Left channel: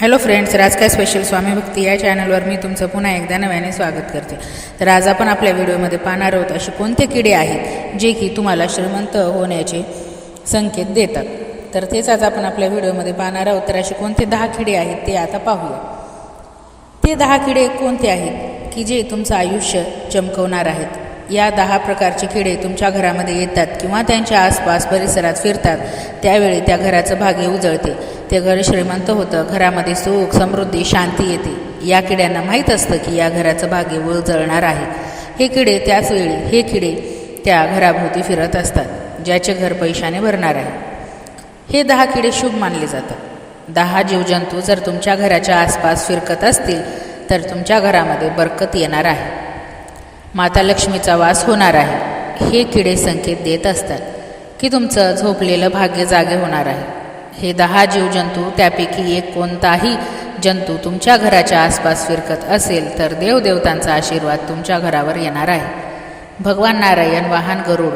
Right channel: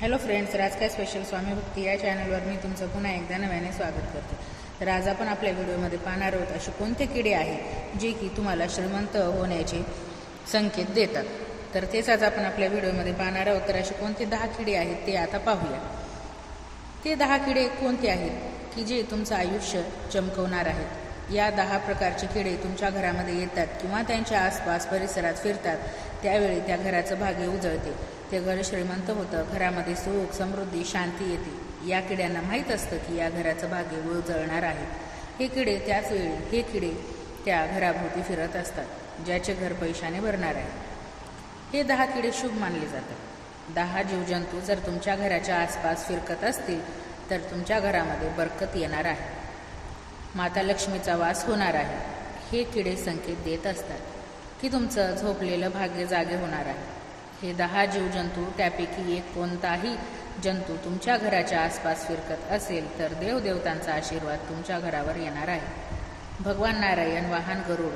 Hello friends राजकाय special स्वामी भक्ती या चॅनलवर मी तुमचं पुन्हा एकदा नव्याने स्वागत करते. तर आज आपण आपल्या व्हिडिओमध्ये पाहणार आहोत असे कोणते किडे आहेत जे की तुम्हाला श्रीमंत होण्याचे संकेत देतात. तर तेच आज आपण आपल्या व्हिडिओमध्ये पाहणार आहोत. तर असे कोणते दहा किडे आहेत ते आता पाहूया. ते दहा किडे कोणते आहेत की जे तुमचं आयुष्य चमकवणार आहेत? या दहा प्रकारचे किडे तुमच्या घरामध्ये येतात किंवा त्यांच्या आसपास परिसरात फिरतात त्यावेळी त्या घराचं भाग्य उजळते. ते घर श्रीमंत होतं. घरामध्ये सुख समृद्धी शांती येते. या किड्यांना माहीत असतं की या घराचं भाग्य उजळणार आहे. हे किडे त्याच वेळी हे किडे त्या घराभोवती फिरत असतात ज्याचे घर पैशाने भरणार आहे. हे दहा किडे शुभ मानले जातात. दहा जीवजंतू जर तुमच्या घराच्या आसपास फिरकत असतील तर तुमच्या घरामध्ये बरकत येणार आहे. माता लक्ष्मीचा वास होणार आहे. हे किडे संकेत देत असतात की तुमचं झोपलेलं भाग्य जागे होणार आहे. हे दहा जीवजंतू त्यापैकी एक कोणताही जंतू तुमच्या घराच्या आसपास फिरकत असेल तर देवदेवतांचा आशीर्वाद तुमच्या घरावर येणार आहे. भगवान नारायण वाहन गरुड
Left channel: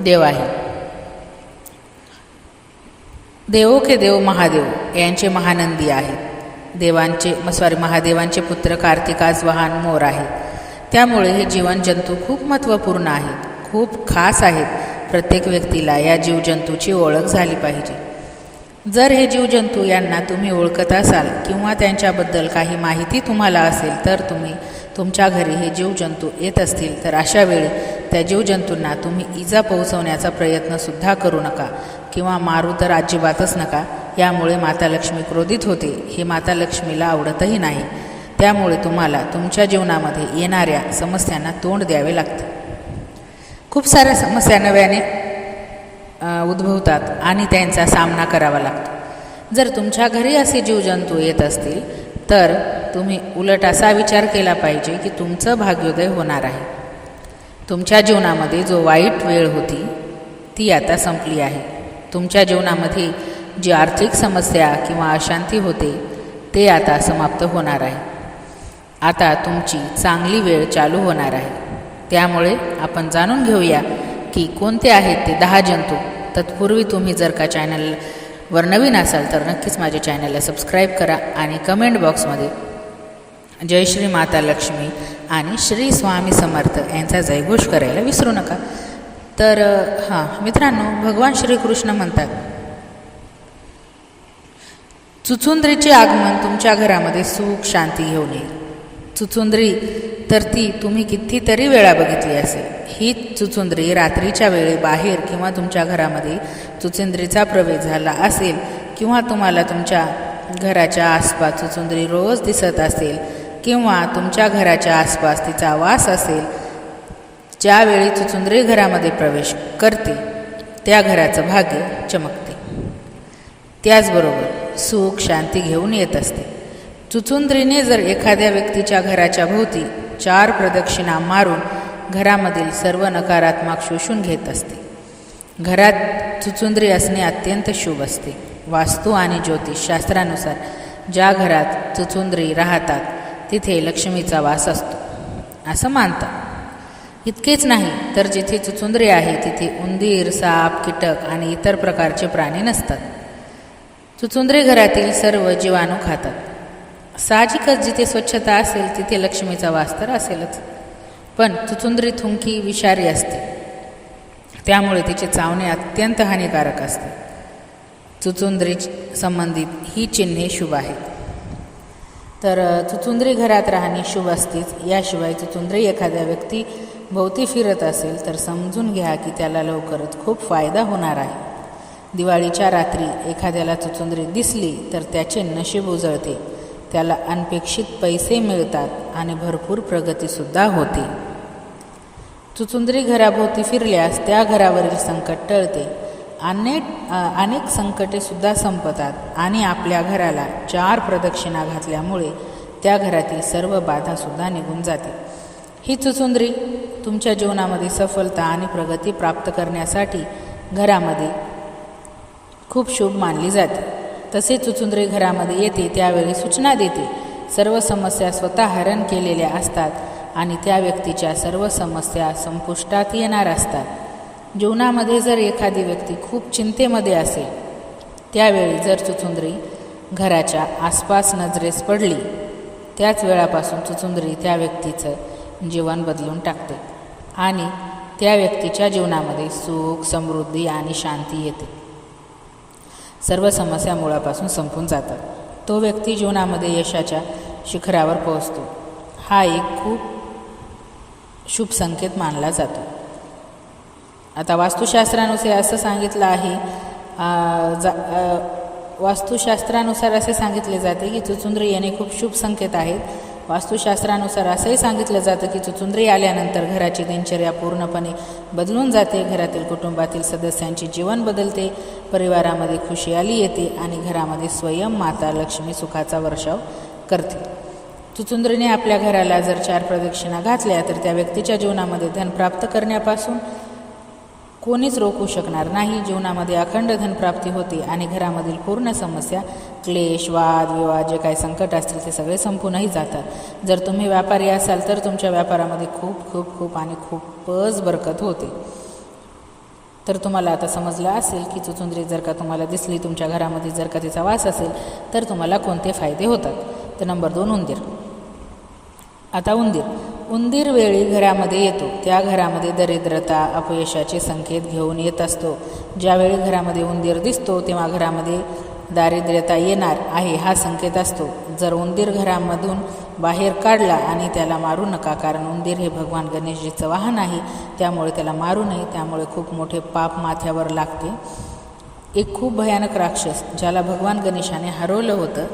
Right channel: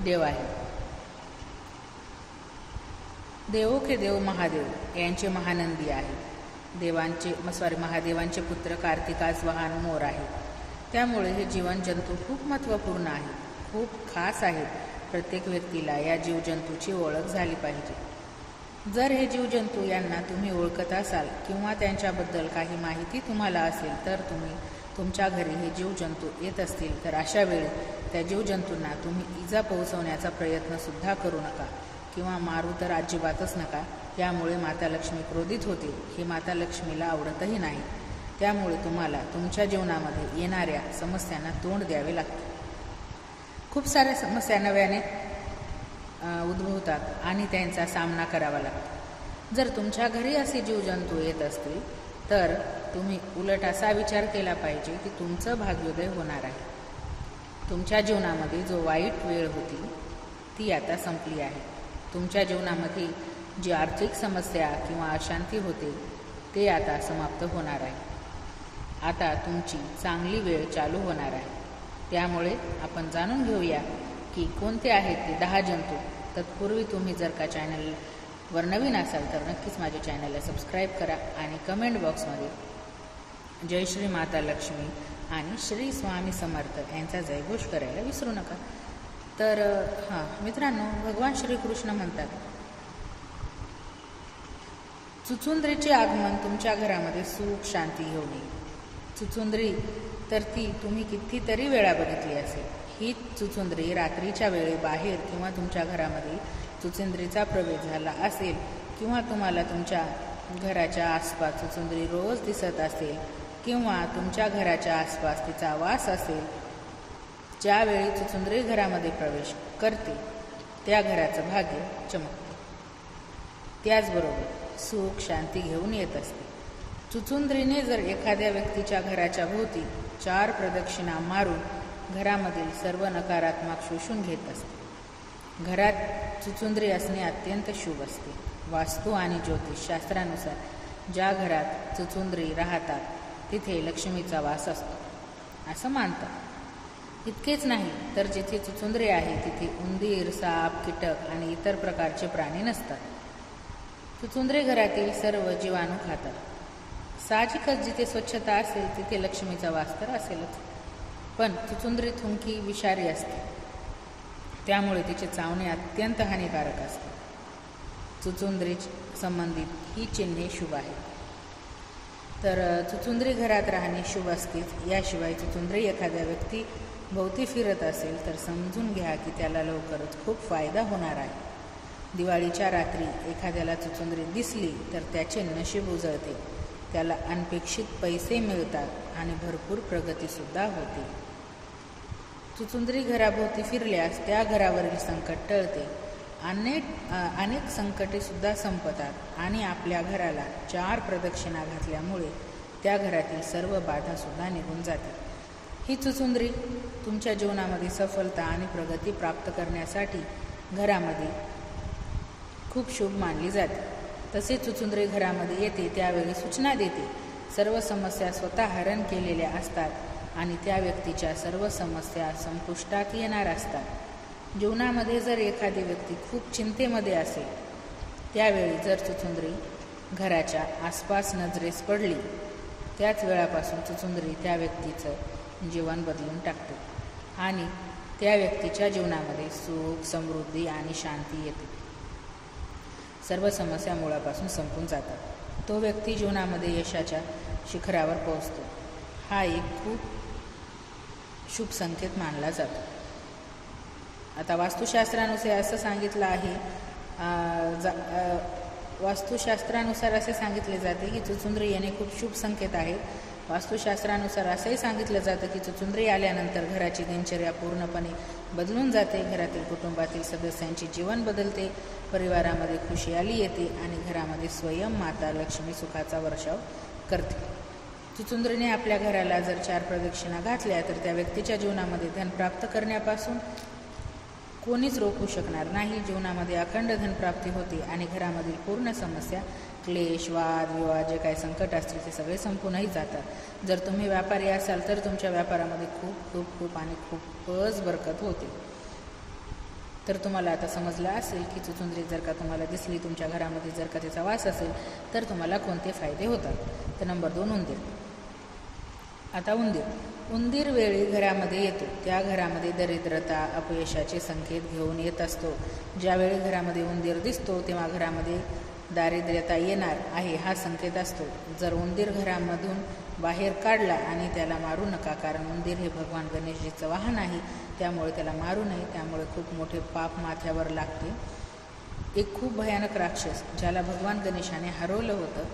देव आहे. देवो के देव महादेव यांचे महानंदी आहे. देवांचे सॉरी महादेवांचे पुत्र कार्तिकाज वाहन मोर आहे. त्यामुळे हे जीवन जंतू खूप महत्त्वपूर्ण आहेत खूप खास आहेत प्रत्येक व्यक्तीला या जीवजंतूची ओळख झाली पाहिजे. जर हे जीवजंतू यांना तुम्ही ओळखत असाल किंवा त्यांच्याबद्दल काही माहिती तुम्हाला असेल तर तुम्ही तुमच्या घरी हे जीवजंतू येत असतील तर अशा वेळी त्या जीवजंतूंना तुम्ही इजा पोहोचवण्याचा प्रयत्नसुद्धा करू नका किंवा मारू तर अजिबातच नका. यामुळे माता लक्ष्मी क्रोधित होते. हे माता लक्ष्मीला आवडतही नाही. त्यामुळे तुम्हाला तुमच्या जीवनामध्ये येणाऱ्या समस्यांना तोंड द्यावे लागते. खूप साऱ्या समस्या नव्याने उद्भवतात आणि त्यांचा सामना करावा लागतो. जर तुमच्या घरी असे जीवजंतू येत असतील तर तुम्ही उलट असा विचार केला पाहिजे की तुमचं भाग्योदय होणार आहे. तुमच्या जीवनामध्ये जो वाईट वेळ होती ती आता संपली आहे. तुमच्या जीवनामध्ये जी आर्थिक समस्या किंवा अशांती होते ते आता समाप्त होणार आहे. आता तुमची चांगली वेळ चालू होणार आहे. त्यामुळे आपण जाणून घेऊया की कोणते आहेत ते दहा जंतू? तत्पूर्वी तुम्ही जर का चॅनलवर नवीन असाल तर नक्कीच माझ्या चॅनलला सबस्क्राईब करा आणि कमेंट बॉक्समध्ये जय श्री माता लक्ष्मी आणि श्री स्वामी समर्थ यांचा जयघोष करायला विसरू नका. तर हां मित्रांनो भगवान श्रीकृष्ण म्हणतात चुचुंद्रीचे आगमन तुमच्या घरामध्ये सुख शांती घेऊन येईल चुचुंद्री तर ती तुम्ही कितीतरी वेळा बघितली असेल. ही चुचुंद्री रात्रीच्या वेळी बाहेर किंवा तुमच्या घरामध्ये चुचुंद्रीचा प्रवेश झाला असेल किंवा तुम्हाला तुमच्या घराच्या आसपास चुचुंद्री रोज दिसत असेल किंवा तुमच्या घराच्या आसपास तिचा वास असेल ज्यावेळी चुचुंद्री घरामध्ये प्रवेश करते त्या घराचं भाग्य चमकते. त्याचबरोबर सुख शांती घेऊन येत असते. चुचुंद्रीने जर एखाद्या व्यक्तीच्या घराच्या भोवती चार प्रदक्षिणा मारून घरामधील सर्व नकारात्मक शोषून घेत असते. घरात चुचुंद्री असणे अत्यंत शुभ असते. वास्तू आणि ज्योतिषशास्त्रानुसार ज्या घरात चुचुंद्री राहतात तिथे लक्ष्मीचा वास असतो. असं मानतात. इतकेच नाही तर जिथे चुचुंद्री आहे तिथे उंदीर साप कीटक आणि इतर प्रकारचे प्राणी नसतात. चुचुंद्री घरातील सर्व जीवाणू खातात. साहजिकच जिथे स्वच्छता असेल तिथे लक्ष्मीचा वास तर असेलच. पण चुचुंद्री थुंकी विषारी असते. त्यामुळे तिचे चावणे अत्यंत हानिकारक असते. चुचुंद्री संबंधित ही चिन्हे शुभ आहेत. तर चुचुंद्री घरात राहणे शुभ असतेच. याशिवाय चुचुंद्री एखाद्या व्यक्ती भोवती फिरत असेल तर समजून घ्या की त्याला लवकरच खूप फायदा होणार आहे. दिवाळीच्या रात्री एखाद्याला चुचुंद्री दिसली तर त्याचे नशीब उजळते. त्याला अनपेक्षित पैसे मिळतात आणि भरपूर प्रगतीसुद्धा होते. चुचुंद्री घराभोवती फिरल्यास त्या घरावरील संकट टळते. अनेक अनेक संकटेसुद्धा संपतात आणि आपल्या घराला चार प्रदक्षिणा घातल्यामुळे त्या घरातील सर्व बाधासुद्धा निघून जाते. ही चुचुंद्री तुमच्या जीवनामध्ये सफलता आणि प्रगती प्राप्त करण्यासाठी घरामध्ये खूप शुभ मानली जाते. तसेच चुचुंदरी घरामध्ये येते त्यावेळी सूचना देते. सर्व समस्या स्वतः हरण केलेल्या असतात आणि त्या व्यक्तीच्या सर्व समस्या संपुष्टात येणार असतात. जीवनामध्ये जर एखादी व्यक्ती खूप चिंतेमध्ये असेल त्यावेळी जर चुचुंद्री घराच्या आसपास नजरेस पडली त्याच वेळापासून चुचुंदरी त्या व्यक्तीचं जीवन बदलून टाकते आणि त्या व्यक्तीच्या जीवनामध्ये सुख समृद्धी आणि शांती येते. सर्व समस्या मुळापासून संपून जातात. तो व्यक्ती जीवनामध्ये यशाच्या शिखरावर पोहोचतो. हा एक खूप शुभ संकेत मानला जातो. आता वास्तुशास्त्रानुसार असं सांगितलं आहे जा वास्तुशास्त्रानुसार असे सांगितले जाते की चुचुंद्र येणे खूप शुभ संकेत आहेत. वास्तुशास्त्रानुसार असंही सांगितलं जातं की चुचुंद्री आल्यानंतर घराची दिनचर्या पूर्णपणे बदलून जाते. घरातील कुटुंबातील सदस्यांची जीवन बदलते परिवारामध्ये खुशी आली येते आणि घरामध्ये स्वयं माता लक्ष्मी सुखाचा वर्षाव करते. चुचुंद्रीने आपल्या घराला जर चार प्रदक्षिणा घातल्या तर त्या व्यक्तीच्या जीवनामध्ये धन प्राप्त करण्यापासून कोणीच रोखू शकणार नाही. जीवनामध्ये अखंड धनप्राप्ती होते आणि घरामधील पूर्ण समस्या क्लेश वाद विवाद जे काही संकट असतील ते सगळे संपूनही जातात. जर तुम्ही व्यापारी असाल तर तुमच्या व्यापारामध्ये खूप खूप खूप आणि खूपच बरकत होते. तर तुम्हाला आता समजलं असेल की चुचुंद्री जर का तुम्हाला दिसली तुमच्या घरामध्ये जर का तिचा वास असेल तर तुम्हाला कोणते फायदे होतात? तर नंबर दोन उंदीर. आता उंदीर. उंदीर वेळी घरामध्ये येतो. त्या घरामध्ये दरिद्रता अपयशाचे संकेत घेऊन येत असतो. ज्यावेळी घरामध्ये उंदीर दिसतो तेव्हा घरामध्ये दारिद्र्यता येणार आहे हा संकेत असतो. जर उंदीर घरामधून बाहेर काढला आणि त्याला मारू नका कारण उंदीर हे भगवान गणेशजीचं वाहन आहे त्यामुळे त्याला मारू नये त्यामुळे खूप मोठे पाप माथ्यावर लागते. एक खूप भयानक राक्षस ज्याला भगवान गणेशाने हरवलं होतं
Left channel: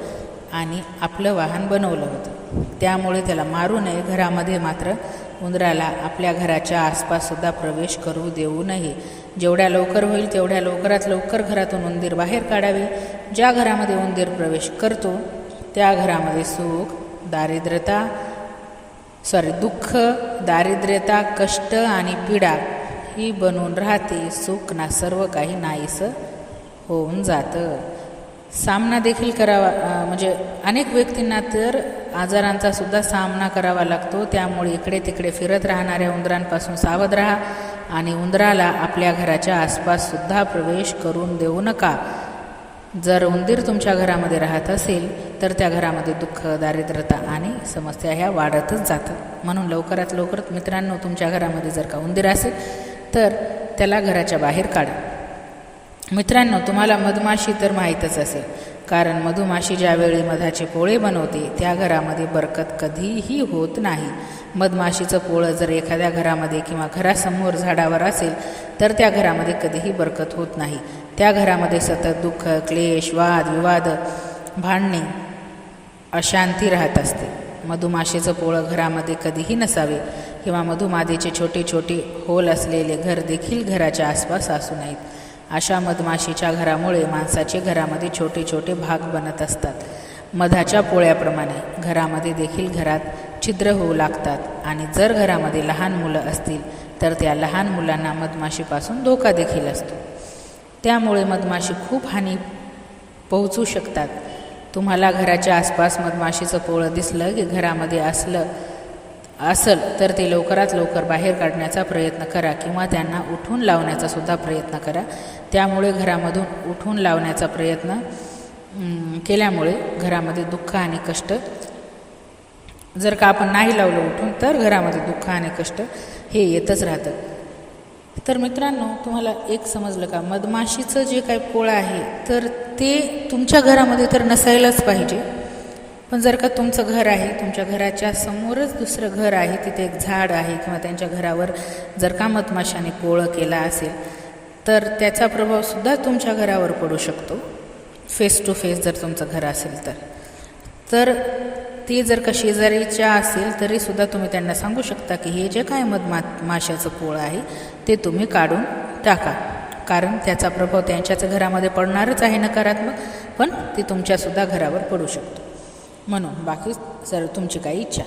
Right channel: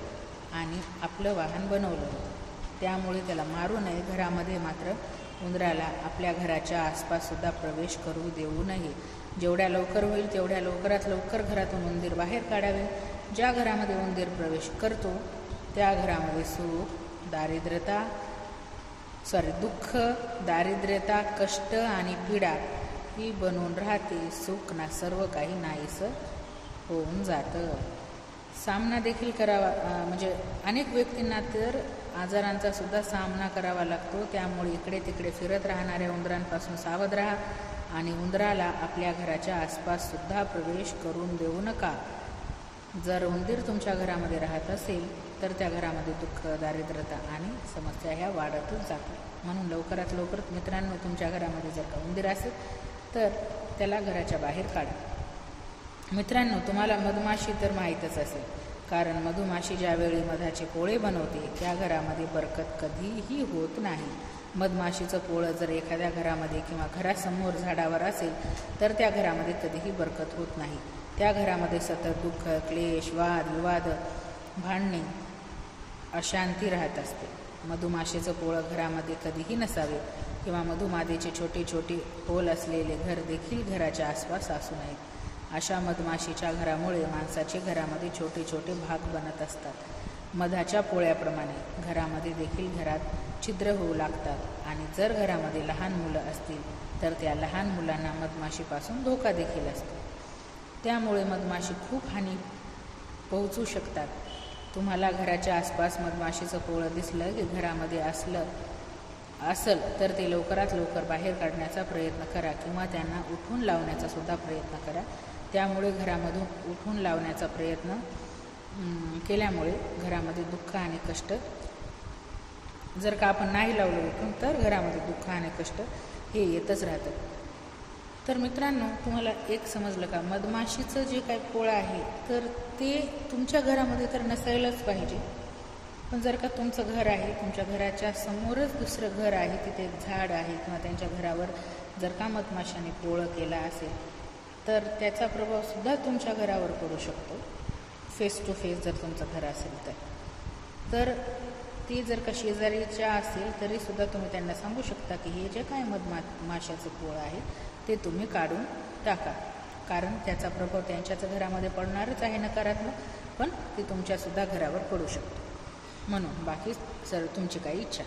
आणि आपलं वाहन बनवलं होतं. त्यामुळे त्याला मारू नये. घरामध्ये मात्र उंदराला आपल्या घराच्या आसपाससुद्धा प्रवेश करू देऊ नये. जेवढ्या लवकर होईल तेवढ्या लवकरात लवकर घरातून उंदीर बाहेर काढावे. ज्या घरामध्ये उंदीर प्रवेश करतो त्या घरामध्ये सुख दारिद्र्यता सॉरी दुःख दारिद्र्यता कष्ट आणि पीडा ही बनून राहते. सुख ना सर्व काही नाहीसं होऊन जातं. सामना देखील करावा म्हणजे अनेक व्यक्तींना तर आजारांचा सुद्धा सामना करावा लागतो. त्यामुळे इकडे तिकडे फिरत राहणाऱ्या उंदरांपासून सावध राहा आणि उंदराला आपल्या घराच्या आसपाससुद्धा प्रवेश करून देऊ नका. जर उंदीर तुमच्या घरामध्ये राहत असेल तर त्या घरामध्ये दुःख दारिद्रता आणि समस्या ह्या वाढतच जातात. म्हणून लवकरात लवकर मित्रांनो तुमच्या घरामध्ये जर का उंदीर असेल तर त्याला घराच्या बाहेर काढा. मित्रांनो तुम्हाला मधमाशी तर माहीतच असेल. कारण मधुमाशी ज्यावेळी मधाचे पोळे बनवते त्या घरामध्ये बरकत कधीही होत नाही. मधमाशीचं पोळं जर एखाद्या घरामध्ये किंवा घरासमोर झाडावर असेल तर त्या घरामध्ये कधीही बरकत होत नाही. त्या घरामध्ये सतत दुःख क्लेश वाद विवाद भांडणे अशांती राहत असते. मधुमाशीचं पोळं घरामध्ये कधीही नसावे किंवा मधुमादेचे छोटे छोटे होल असलेले घर देखील घराच्या आसपास असू नयेत. अशा मधमाशीच्या घरामुळे माणसाचे घरामध्ये छोटे छोटे भाग बनत असतात. मधाच्या पोळ्याप्रमाणे घरामध्ये देखील घरात छिद्र होऊ लागतात आणि जर घरामध्ये लहान मुलं असतील तर त्या लहान मुलांना मधमाशीपासून धोका देखील असतो. त्यामुळे मधमाशी खूप हानी पोहोचू शकतात. तुम्हाला घराच्या आसपास मधमाशीचं पोळं दिसलं की घरामध्ये असलं असल तर ते लवकरात लवकर बाहेर काढण्याचा प्रयत्न करा किंवा त्यांना उठून लावण्याचा सुद्धा प्रयत्न करा. त्यामुळे घरामधून उठून लावण्याचा प्रयत्न केल्यामुळे घरामध्ये दुःख आणि कष्ट जर का आपण नाही लावलं उठून तर घरामध्ये दुःख आणि कष्ट हे येतच राहतं तर मित्रांनो तुम्हाला एक समजलं का? मधमाशीचं जे काही पोळं आहे तर ते तुमच्या घरामध्ये तर नसायलाच पाहिजे. पण जर का तुमचं घर आहे तुमच्या घराच्या समोरच दुसरं घर आहे तिथे एक झाड आहे किंवा त्यांच्या घरावर जर का मधमाशाने पोळं केला असेल तर त्याचा प्रभावसुद्धा तुमच्या घरावर पडू शकतो. फेस टू फेस जर तुमचं घर असेल तर. तर ती जर का शेजारीच्या असेल तरीसुद्धा तुम्ही त्यांना सांगू शकता की हे जे काय मधमा माशाचं पोळं आहे ते तुम्ही काढून टाका. कारण त्याचा प्रभाव त्यांच्याच घरामध्ये पडणारच आहे नकारात्मक पण ते तुमच्यासुद्धा घरावर पडू शकतो. म्हणून बाकी सर तुमची काही इच्छा.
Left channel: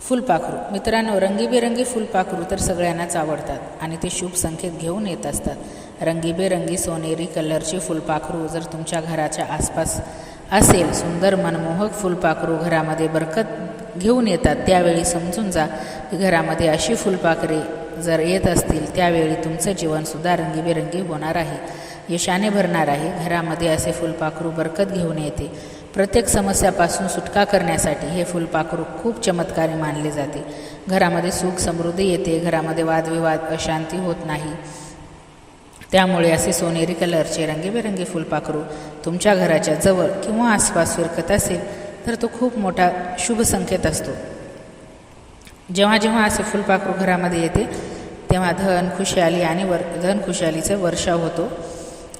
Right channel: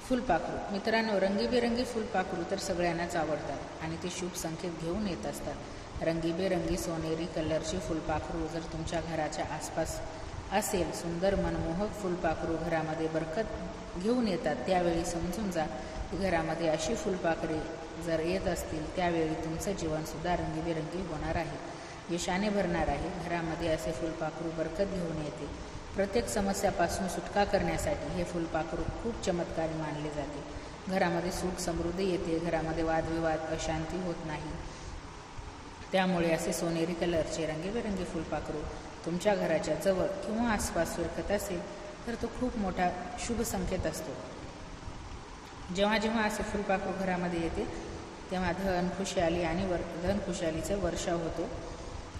फुलपाखरू मित्रांनो रंगीबेरंगी फुलपाखरू तर सगळ्यांनाच आवडतात आणि ते शुभ संकेत घेऊन येत असतात. रंगीबेरंगी सोनेरी कलरची फुलपाखरू जर तुमच्या घराच्या आसपास असेल सुंदर मनमोहक फुलपाखरू घरामध्ये बरकत घेऊन येतात त्यावेळी समजून जा की घरामध्ये अशी फुलपाखरे जर येत असतील त्यावेळी तुमचं जीवनसुद्धा रंगीबेरंगी होणार आहे. यशाने भरणार आहे. घरामध्ये असे फुलपाखरू बरकत घेऊन येते. प्रत्येक समस्यापासून सुटका करण्यासाठी हे फुलपाखरू खूप चमत्कारी मानले जाते. घरामध्ये सुख समृद्धी येते घरामध्ये वादविवाद अशांती होत नाही. त्यामुळे असे सोनेरी कलरचे रंगीबेरंगी फुलपाखरू तुमच्या घराच्या जवळ किंवा आसपास फिरकत असेल तर तो खूप मोठा शुभ संकेत असतो. जेव्हा जेव्हा असे फुलपाखरू घरामध्ये येते तेव्हा धन खुशाली आणि वर धन खुशालीचा वर्षाव होतो.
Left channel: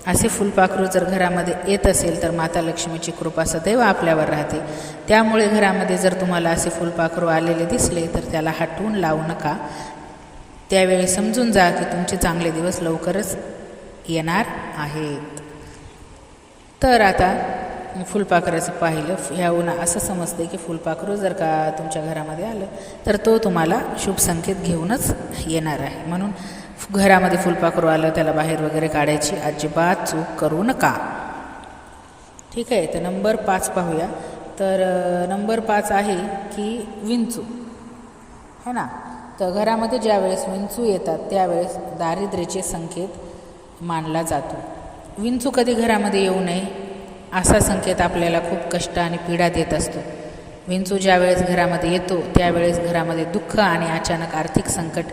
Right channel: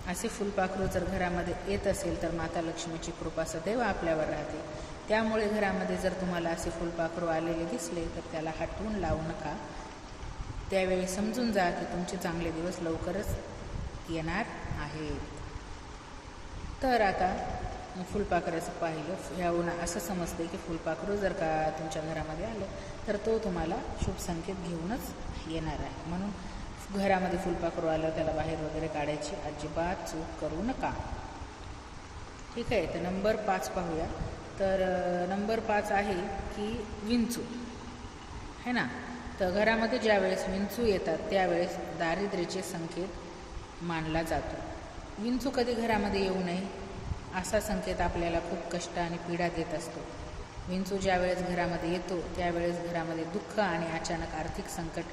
असे फुलपाखरू जर घरामध्ये येत असेल तर माता लक्ष्मीची कृपा सदैव आपल्यावर राहते. त्यामुळे घरामध्ये जर तुम्हाला असे फुलपाखरू आलेले दिसले तर त्याला हटवून लावू नका. त्यावेळी समजून जा की तुमचे चांगले दिवस लवकरच येणार आहेत. तर आता फुलपाखराचं पाहिलं. ह्या उन्हा असं समजतं की फुलपाखरू जर का तुमच्या घरामध्ये आलं तर तो तुम्हाला शुभ संकेत घेऊनच येणार आहे. म्हणून घरामध्ये फुलपाखरू आलं त्याला बाहेर वगैरे काढायची. अजिबात चूक करू नका. ठीक आहे तर नंबर पाच पाहूया. तर नंबर पाच आहे की विंचू. है ना? तर घरामध्ये ज्यावेळेस विंचू येतात त्यावेळेस दारिद्र्याचे संकेत मानला जातो. विंचू कधी घरामध्ये येऊ नये असा संकेत आपल्याला खूप कष्ट आणि पीडा देत असतो. विंचू ज्यावेळेस घरामध्ये येतो त्यावेळेस घरामध्ये दुःख आणि अचानक आर्थिक संकट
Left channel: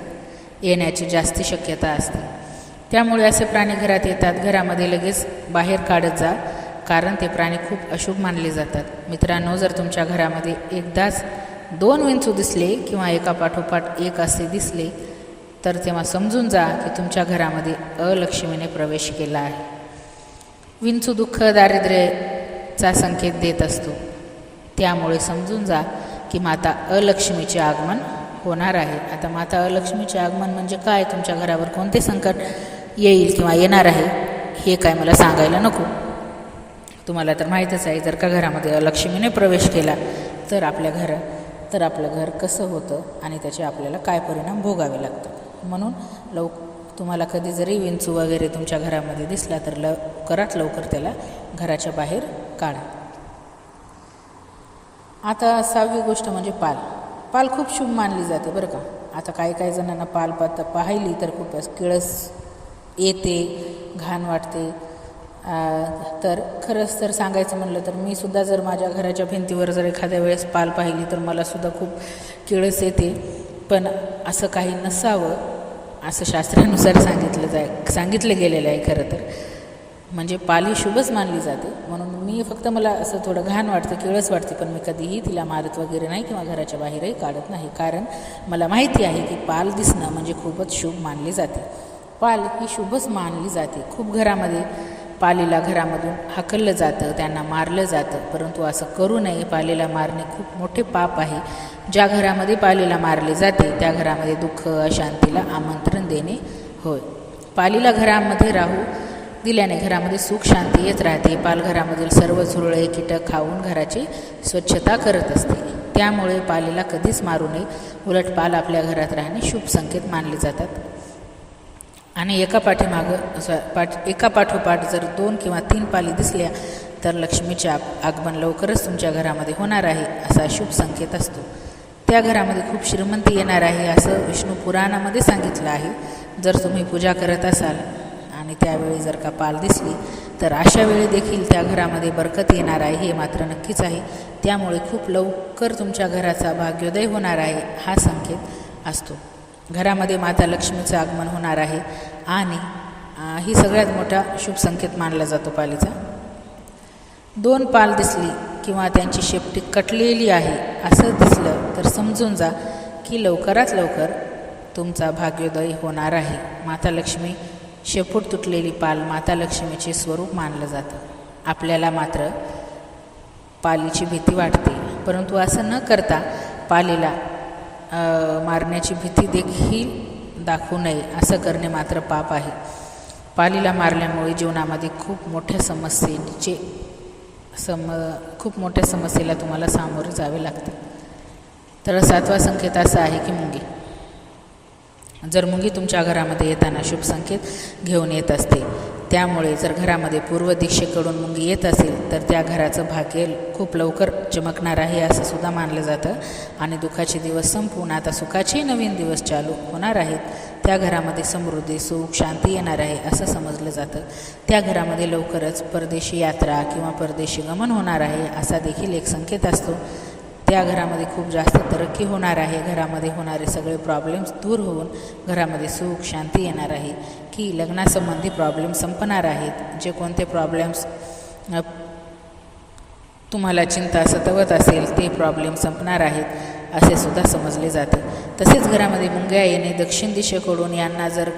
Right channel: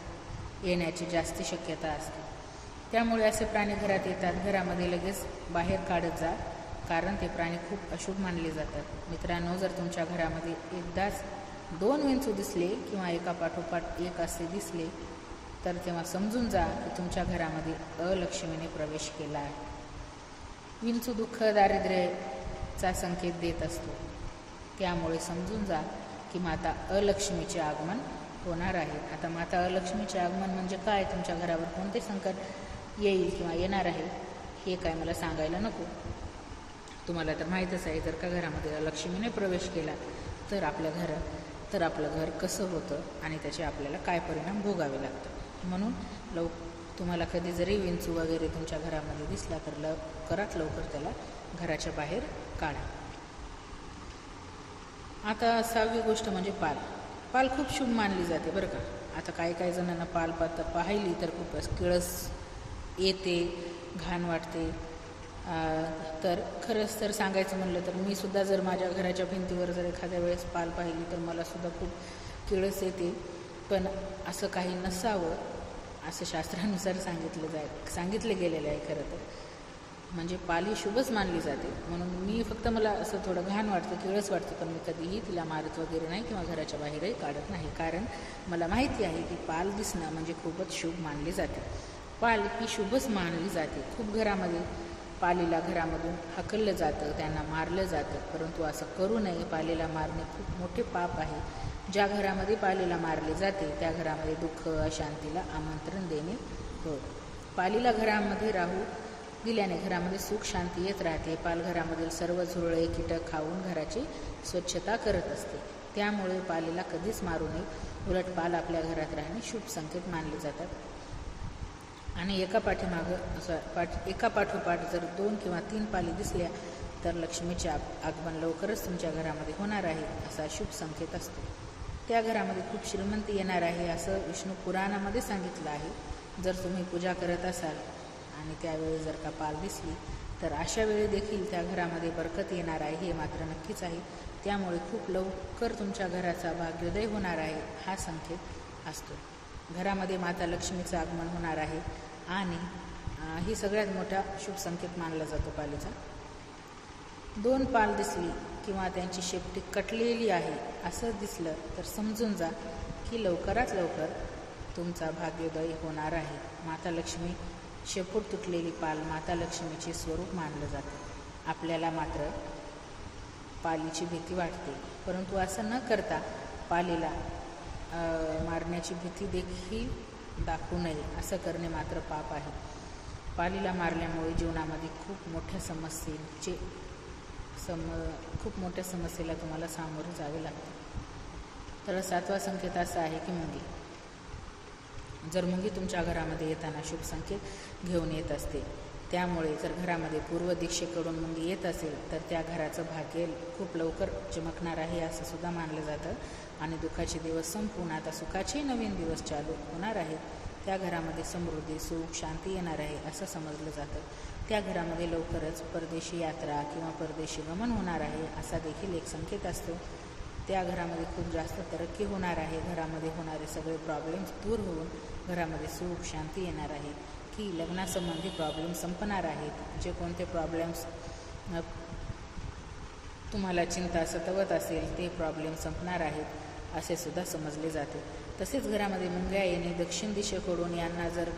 येण्याची जास्त शक्यता असते. त्यामुळे असे प्राणी घरात येतात. घरामध्ये लगेच बाहेर काढत जा कारण ते प्राणी खूप अशुभ मानले जातात. मित्रांनो जर तुमच्या घरामध्ये एकदाच दोन विंचू दिसले किंवा एका पाठोपाठ एक असे दिसले तर तेव्हा समजून जा की तुमच्या घरामध्ये अलक्ष्मीने प्रवेश केला आहे. विंचू दुःख दारिद्र्याचा संकेत देत असतो. त्यामुळे समजून जा की माता अलक्ष्मीचे आगमन होणार आहे. आता माता लक्ष्मीचे आगमन म्हणजे काय? तुमच्या घरावर कोणते संकट येईल किंवा येणार आहे? हे काय मला सांगायला नको. तुम्हाला तर माहीतच आहे जर का घरामध्ये लक्ष्मीने प्रवेश केला तर आपल्या घर तर आपलं घर कसं होतं आणि त्याचे आपल्याला काय परिणाम भोगावे लागतात. म्हणून लव तुम्हाला कधी जरी विंचू वगैरे तुमच्या घरामध्ये दिसला तर लवकरात लवकर त्याला घराच्या बाहेर काढा. आता सहावी गोष्ट म्हणजे पाल. पाल खूप शुभ मानली जाते बरं का. आता काही काही जणांना पाल पात पाहिली तर खूपच किळस येते घाण वाटते. तर खरंच तर सांगायचं म्हणलं तर मी सुद्धा जर माझ्या घराच्या भिंतीवर जर एखाद्या वेळेस पाल पाहिली तर मला सुद्धा खूप किळस येते. पण असं काही नसावं असं शास्त्रानुसार सांगितलं जाय सांगितलं गेलेलं आहे खरं तर. म्हणजे पाली शुभच मानली जाते. म्हणून मी फक्त मला असं थोडं घाण वाटतं किळस वाटते पण मी कधीही तिला मारत वगैरे नाही किंवा घराच्या बाहेरही काढत नाही. कारण मला माहिती आहे की पाल दिसणं म्हणजे खूपच शुभ मानले जाते. पाल ही शुभच मानली जाते. खूप घरामध्ये पालीला घरामधून हाकललं जातं त्यांना मारलं जातं. परंतु असं करू नये. पालीला मारणे खूप मोठे पाप आहे. ज्या घरामध्ये पालीला मारले जाते त्या घरामध्ये दुःख अशांतीला आमंत्रण देणे होय. पालीला घरामध्ये राहू दिल्याने घरामध्ये सुख शांती येत राहते. पालघरामधील सर्व झुरळे कीटक खाऊन घराची स्वच्छता करत असते. त्यामुळे पालीला कधीच मारू नये. उलट पाल आपल्या घरात राहणे शुभ संकेत मानले जातात. आणि एका पाठीमागं पाठ एका पाठोपाठ जर दोन किंवा तीन पाली दिसल्या तर लक्ष्मीचे आग आगमन लवकरच तुमच्या घरामध्ये होणार आहे असा शुभ संकेत असतो. त्या घरामध्ये खूप श्रीमंती येणार आहे असं विष्णू पुराणामध्ये सांगितलं आहे. जर तुम्ही पूजा करत असाल आणि त्यावेळी जर का पाल दिसली तर अशा वेळी देखील त्या घरामध्ये बरकत येणार आहे हे मात्र नक्कीच आहे. त्यामुळे खूप लवकर तुमच्या घराचा भाग्योदय होणार आहे हा संकेत असतो. घरामध्ये माता लक्ष्मीचं आगमन होणार आहे आणि ही सगळ्यात मोठा शुभ संकेत मानला जातो पालीचा. दोन पाल दिसली किंवा त्यांची शेपटी कटलेली आहे असं दिसलं तर समजून जा की लवकरात लवकर तुमचा भाग्योदय होणार आहे. माता लक्ष्मी शेपूट तुटलेली पाल माता लक्ष्मीचे स्वरूप मानलं जातं. आपल्याला मात्र पालीची भीती वाटते. परंतु असं न करता पालीला मारण्याची भीती देखील दाखवू नये असं करणे मात्र पाप आहे. पालीला मारल्यामुळे जीवनामध्ये खूप मोठ्या समस्येचे सम खूप मोठ्या समस्येला तुम्हाला सामोरे जावे लागते. तर सातवा संकेत असा आहे की मुंगी. जर मुंगी तुमच्या घरामध्ये येताना शुभ संकेत घेऊन येत असते त्यामुळे जर घरामध्ये पूर्व दिशेकडून मुंगी येत असेल तर त्या घराचं भाग्य खूप लवकर चमकणार आहे असं सुद्धा मानलं जातं. आणि दुःखाचे दिवस संपून आता सुखाचे नवीन दिवस चालू होणार आहेत. त्या घरामध्ये समृद्धी सुख शांती येणार आहे असं समजलं जातं. त्या घरामध्ये लवकरच परदेशी यात्रा किंवा परदेशी गमन होणार आहे असा देखील एक संकेत असतो. त्या घरामध्ये खूप जास्त तरक्की होणार आहे. घरामध्ये होणारे सगळे प्रॉब्लेम्स दूर होऊन घरामध्ये सुख शांती येणार आहे. की लग्नासंबंधी प्रॉब्लेम संपणार आहेत. जे कोणते प्रॉब्लेम्स तुम्हाला चिंता सतवत असेल ते प्रॉब्लेम संपणार आहेत असे सुद्धा समजले जाते. तसेच घरामध्ये मुंग्या येणे दक्षिण दिशेकडून यांना जर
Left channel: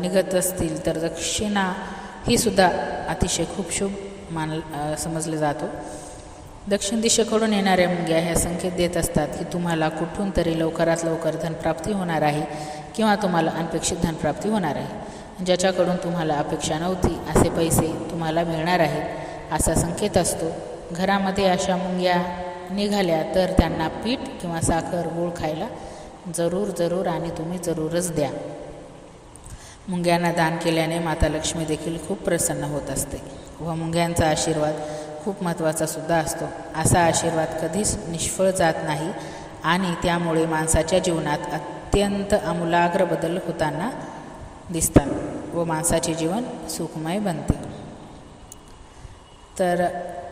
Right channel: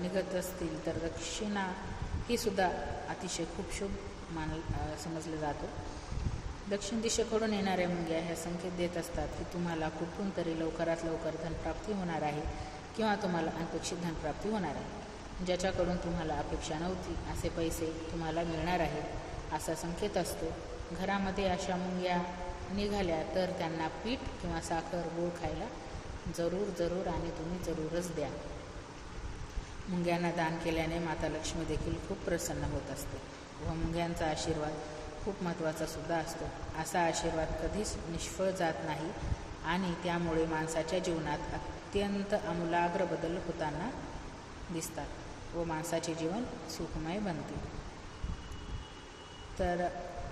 निघत असतील तर दक्षिणा ही सुद्धा अतिशय खूप शुभ मान समजले जातो. दक्षिण दिशेकडून येणाऱ्या मुंग्या ह्या संकेत देत असतात की तुम्हाला कुठून तरी लवकरात लवकर धनप्राप्ती होणार आहे किंवा तुम्हाला अनपेक्षित धनप्राप्ती होणार आहे. ज्याच्याकडून तुम्हाला अपेक्षा नव्हती असे पैसे तुम्हाला मिळणार आहेत असा संकेत असतो. घरामध्ये अशा मुंग्या निघाल्या तर त्यांना पीठ किंवा साखर गूळ खायला जरूर जरूर आणि तुम्ही जरूरच द्या. मुंग्यांना दान केल्याने माता लक्ष्मी देखील खूप प्रसन्न होत असते व मुंग्यांचा आशीर्वाद खूप महत्त्वाचा सुद्धा असतो. असा आशीर्वाद कधीच निष्फळ जात नाही आणि त्यामुळे माणसाच्या जीवनात अत्यंत आमूलाग्र बदल होताना दिसतात व माणसाचे जीवन सुखमय बनते. तर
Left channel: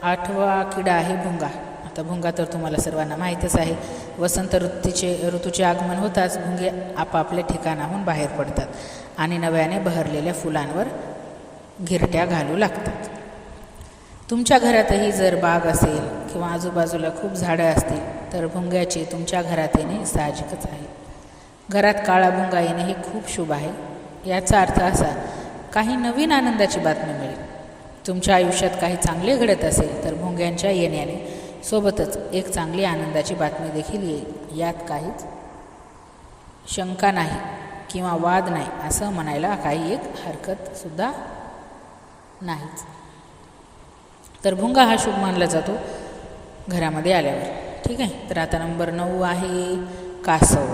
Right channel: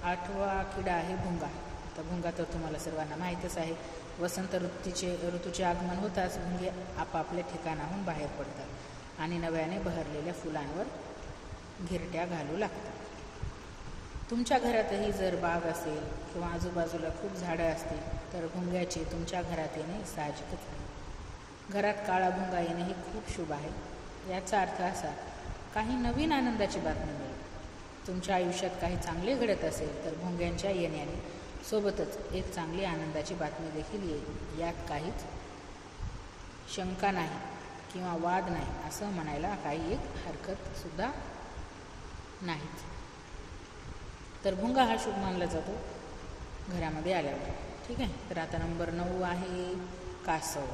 आठवा किडा आहे भुंगा. आता भुंगा तर तुम्हाला सर्वांना माहीतच आहे. वसंत ऋतूचे ऋतूचे आगमन होताच भुंगे आपापल्या ठिकाणाहून बाहेर पडतात आणि नव्याने बहरलेल्या फुलांवर घिरट्या घालू लागतात. तुमच्या घरातही जर बाग असेल किंवा आजूबाजूला खूप झाडं असतील तर भुंग्याचे तुमच्या घरात येणे साहजिकच आहे. घरात काळा भुंगा येणे हे खूप शुभ आहे. याचा अर्थ असा काही नवीन आनंदाची बातमी मिळेल. तुमच्या आयुष्यात काही चांगले घडत असेल तर भुंग्यांच्या येण्याने सोबतच एक चांगली आनंदाची बातमी देखील येईल. यात काहीच शंका नाही किंवा वाद नाही असं म्हणायला काही एक हरकतसुद्धा नाहीच. तर भुंगा हा शुभ मानला जातो घरामध्ये आल्यावर. ठीक आहे? तर आता नंबर नऊ आहे कासव.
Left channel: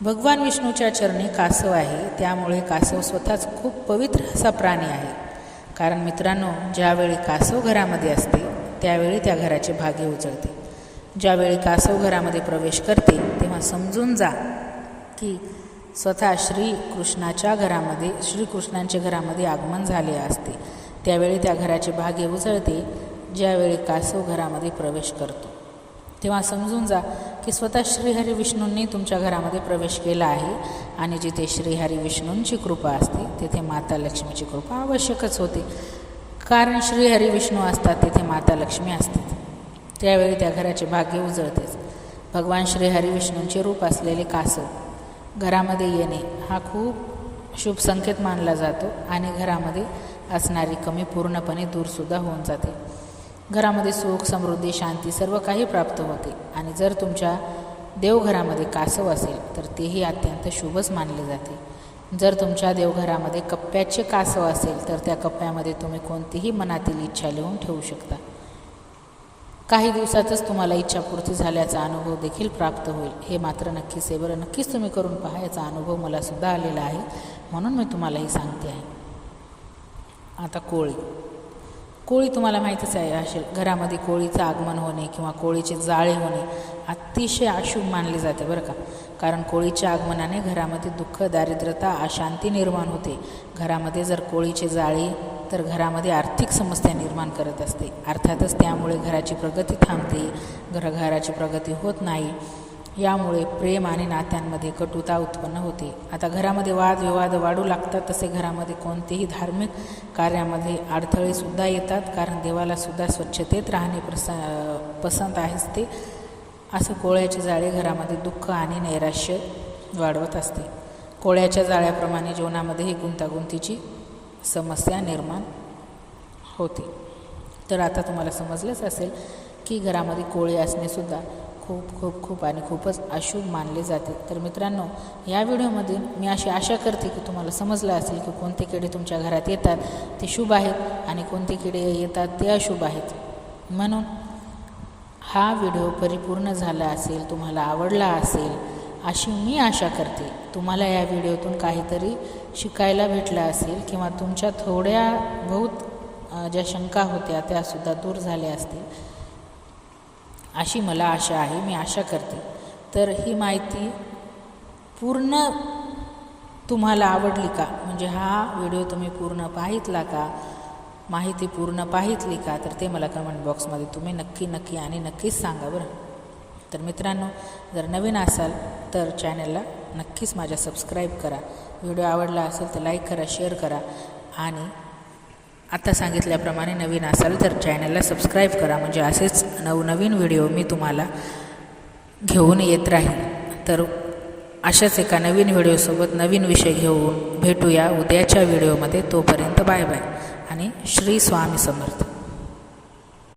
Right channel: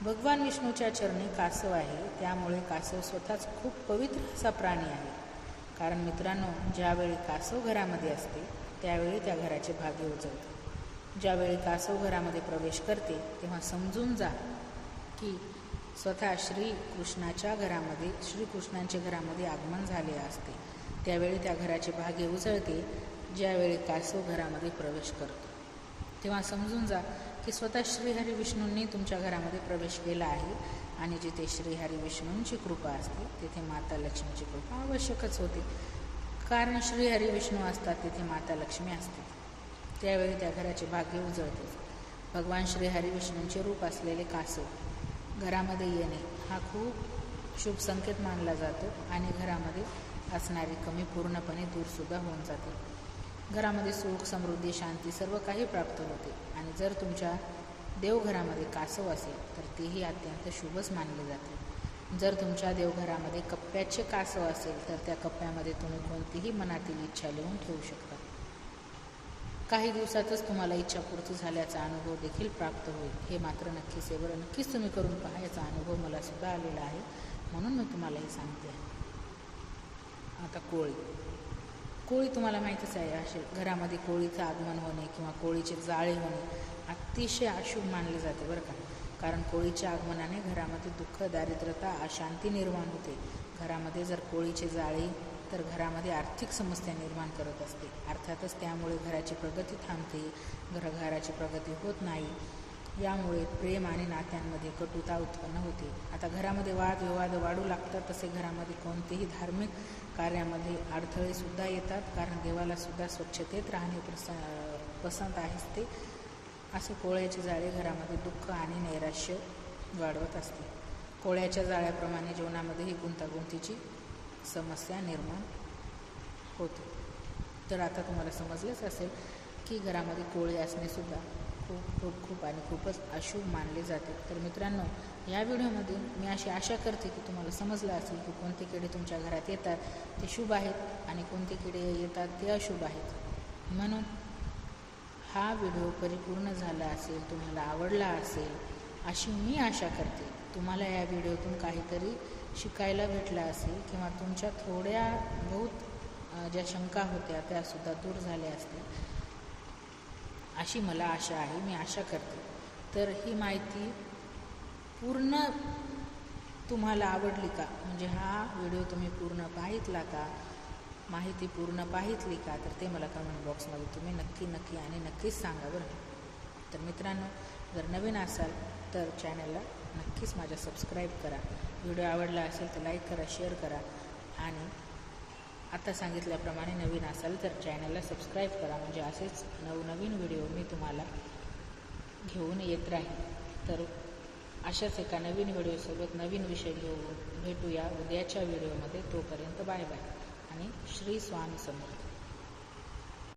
भगवान विष्णूच्या चरणी कासव आहे. त्यामुळे कासव स्वतःच खूप पवित्र असा प्राणी आहे. कारण मित्रांनो ज्यावेळी कासव घरामध्ये असते त्यावेळी त्या घराचे भाग्य उजळते. ज्यावेळी कासव घरामध्ये प्रवेश करते तेव्हा समजून जा की स्वतः श्रीकृष्णाच्या घरामध्ये श्रीकृष्णांच्या घरामध्ये आगमन झाले असते. त्यावेळी त्या घराचे भाग्य उजळते ज्यावेळी कासव घरामध्ये प्रवेश करतो. तेव्हा समजून जा की स्वतः श्रीहरी विष्णूंनी तुमच्या घरामध्ये प्रवेश केला आहे आणि जिथे श्रीहरी विष्णूंची कृपा असते तिथे माता लक्ष्मीची कृपा आवश्यकच होते. कारण श्रीहरी विष्णू असतात तिथे माता लक्ष्मी असतात. त्यावेळी त्या घराचे भाग्य उजळतेच. भगवान श्रीहरी विष्णूंचे रूप असलेले कासव घरामध्ये येणे हा खूप शुभ संकेत मानला जातो आणि घरामध्ये असणारी कमी पूर्णपणे दूरसुद्धा होऊन जाते. घरामध्ये सुख समृद्धी शांती सर्व काही प्राप्त होते. आणि जर तुमच्या देवघरामध्ये कासव असेल तर तेही अत्यंत शुभच मानले जाते. जर तुमच्या देवघरामध्ये कप्प्याचे कासव असेल तर त्या कप्प्यामध्ये तुम्ही कोणतीही मनातील इच्छा लिहून ठेवू शकता. काही दिवसातच तुम्हाला इच्छापूर्ती झाल्याचा अनुभव देखील प्राप्त होईल. हे मात्र नक्कीच आहे. बरं नक्कीच तुम्ही करून पहा याचा अनुभव मलासुद्धा आलेला आहे. म्हणून मी तुम्हालाही सांगते आहे. आता कोळी. कोळी तुम्हाला माहीतच आहे असेल घरामध्ये कोळीचं आगमन होणे किंवा कोळीचे जाळे होणे अतिशय अशुभ मानले जाते बरं का. कारण कोळीच्या आगमनाने घरामध्ये दुःख दारिद्रता अशांती निर्माण होते. घरामध्ये जर कोळीचे जाळे तर घरामध्ये आर्थिक समस्या निर्माण करत असते. अर्थातच त्यामुळे घराची प्रगती थांबते. घर घराची प्रगती होत नाही. यामुळे प्रेम आणि नात्यांमध्ये कटुता उत्पन्न होते. आता घरामध्ये वादविवाद वाढू लागतात तसे घरामध्ये कोणतेही धार्मिक कार्यामध्ये अडथळेसुद्धा येतात कारण देवालासुद्धा स्वच्छतेत राहणे प्रस पसंत आहेच ते. असं कोळ्याचे जाळे घरामध्ये दुःख आणि नैराश्य वाढवत असते. कोळ्याच्या जाळ्याप्रमाणे जीवनामध्येही गुंतागुंतीची समस्या निर्माण होते. तर आता तुम्हाला समजलंच असेल की घरामध्ये कोळे असणेसुद्धा खूप खूप खूप आणि खूपच अशुभ मानले जाते. तर मित्रांनो या व्हिडिओमध्ये मी अशी आशा करते की तुम्हाला समजलं असेल की कोणते किडे तुमच्या घरात येतात ते शुभ आहेत आणि कोणते किडे येतात ते अशुभ आहेत. म्हणून हा व्हिडिओ परिपूर्ण झाला असेल तुम्हाला आवडला असेल अशी मी आशा करते. तुम्हाला या व्हिडिओतून काहीतरी शिकायला भेटला असेल किंवा तुमच्या थोड्या बहुत ज्या शंका होत्या त्यासुद्धा दूर झाल्या असतील. अशी मला आशा आहे मी आशा करते. तर ही माहिती पूर्ण तुम्हाला आवडली का? म्हणजे हा व्हिडिओ तुम्ही पूर्ण पाहितला का? माहिती पूर्ण पाहितली का? तर ते मला कमेंट बॉक्समध्ये तुम्ही नक्की नक्की आणि नक्कीच सांगा बरं. तर मित्रांनो जर नवीन असाल तर चॅनलला नक्कीच माझ्या सबस्क्राईब करा. व्हिडिओ आवडला असेल तर लाईक करा शेअर करा आणि आता सांगितल्याप्रमाणे नवीन असाल तर चॅनलला सबस्क्राईब करा. म्हणजे असेच नवनवीन व्हिडिओ मी तुम्हाला घेऊन येत राहीन. तर अशाच एका नवीन व्हिडिओसोबत नवीन विषय घेऊन भेटूया उद्याच्या व्हिडिओमध्ये तोपर्यंत बाय बाय आणि श्री स्वामी समर्थ.